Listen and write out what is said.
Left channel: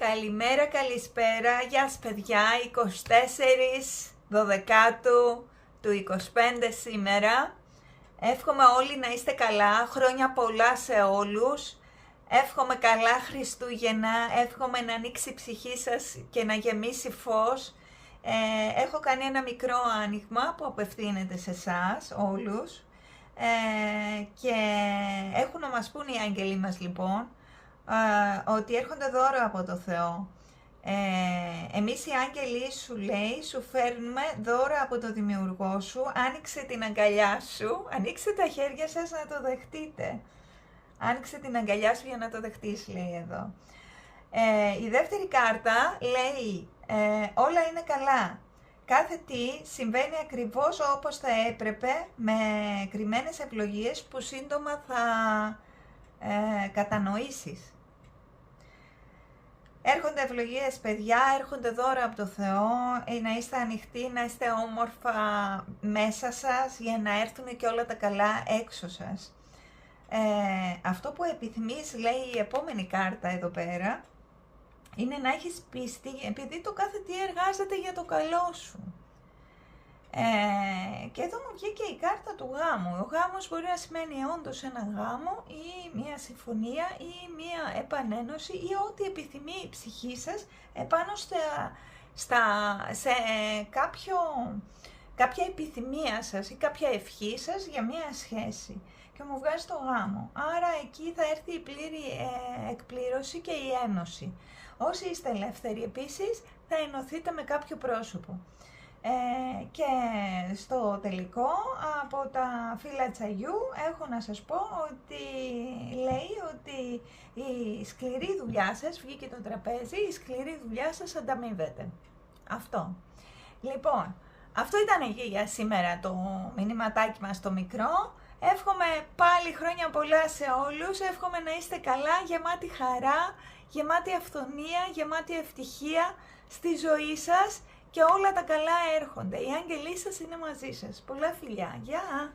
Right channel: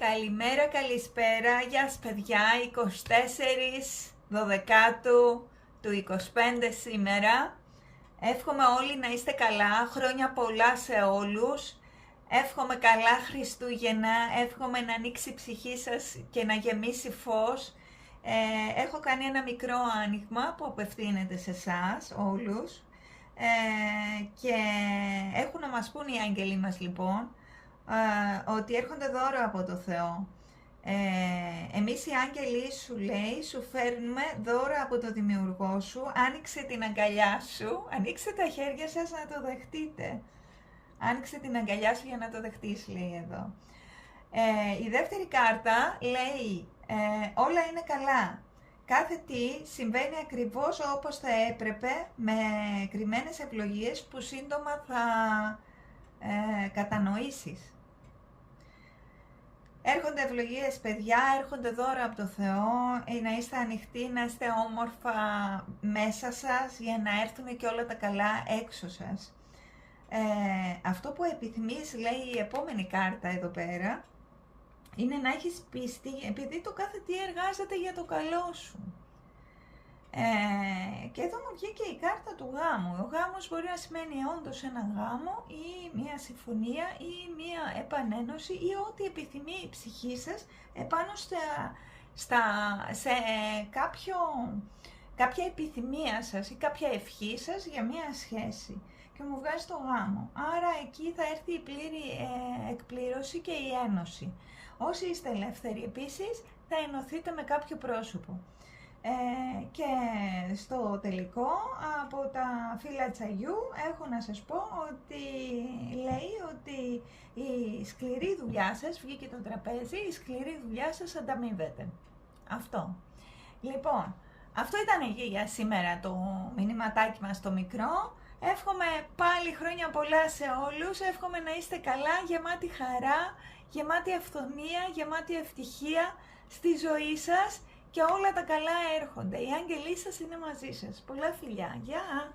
Καλημέρα, καλησπέρα, γεια σας παιδιά, 24 Δωδεκάτου του 25 σήμερα. Εύχομαι όλοι να είστε καλά, χρόνια πολλά σε όλους. Εύχομαι καλά Χριστούγεννα, εύχομαι να ανοίξει η ψυχή σας και να γεμίσει φως. Έχω κάνει ένα μικρό άνοιγμα που απευθύνεται σε εσάς όλους και έχουν να μας πούν οι άγγελοι μας λοιπόν ότι έρχονται δώρα από το Θεό. Εμείς οι άγγελοι σου λέει, σου φέρνουμε δώρα από το Δημιουργό σου, άνοιξε την αγκαλιά σου, ανοίξτε τα χέρια σας να το δεχτείτε. Άνοιξε την αγκαλιά σου για να το δεχτείς, λέει εδώ. Η δεύτερη κάρτα λέει, όλα είναι καλά. Κάθε τι συμβαίνει ακριβώς όπως θα έπρεπε, με κρυμμένες ευλογίες που σύντομα θα κατανοήσεις. Έρχονται ευλογίες παιδιά, έρχονται δώρα από το Θεό, να είστε ανοιχτοί, να είστε όμορφα μέσα σας για να έρθουν και όλα τα καλά έξω σας. Αυτό που επιθυμείς, λέει η επόμενη κάρτα εδώ πέρα, είναι να έχεις πίστη επειδή το κάθε τι εργάζεται για το καλό σου. Και εδώ μου βγήκε η κάρτα του γάμου. Ο γάμος μπορεί να σημαίνει όντως ένα γάμο ή μια συμφωνία ή μια επανένωση ή ό,τι επιθυμεί η ψυχή σας επάνω σε κάποια επιθυμία σας ή κάποια ευχή σας για μια σχέση. Και μου βγάζει το γάμο. Άρα εκεί θα έρθει η πλήρη εκπλήρωση και η ένωση. Όσοι είστε ελεύθεροι επίσης θα ενωθείτε με κάποιο πρόσωπο. Και στο τελικό από τα φύλλα τσαγιού έχω να σας πω ότι λέει ότι η σκληρή δουλειά σας, βγήκε το τραπέζι, η σκληρή δουλειά σας ανταμείβεται. Αυτό. Λοιπόν, αυτό ήταν για σήμερα το μηνυματάκι μας το μικρό. Εύχομαι πάλι χρόνια πολλά σε όλους, εύχομαι να είστε καλά, γεμάτη χαρά, γεμάτη αυθονία, γεμάτη ευτυχία στη ζωή σας και όλα τα καλά έρχονται. Οι άγγελοι σας είναι μαζί σας. Πολλά φιλιά. Γεια!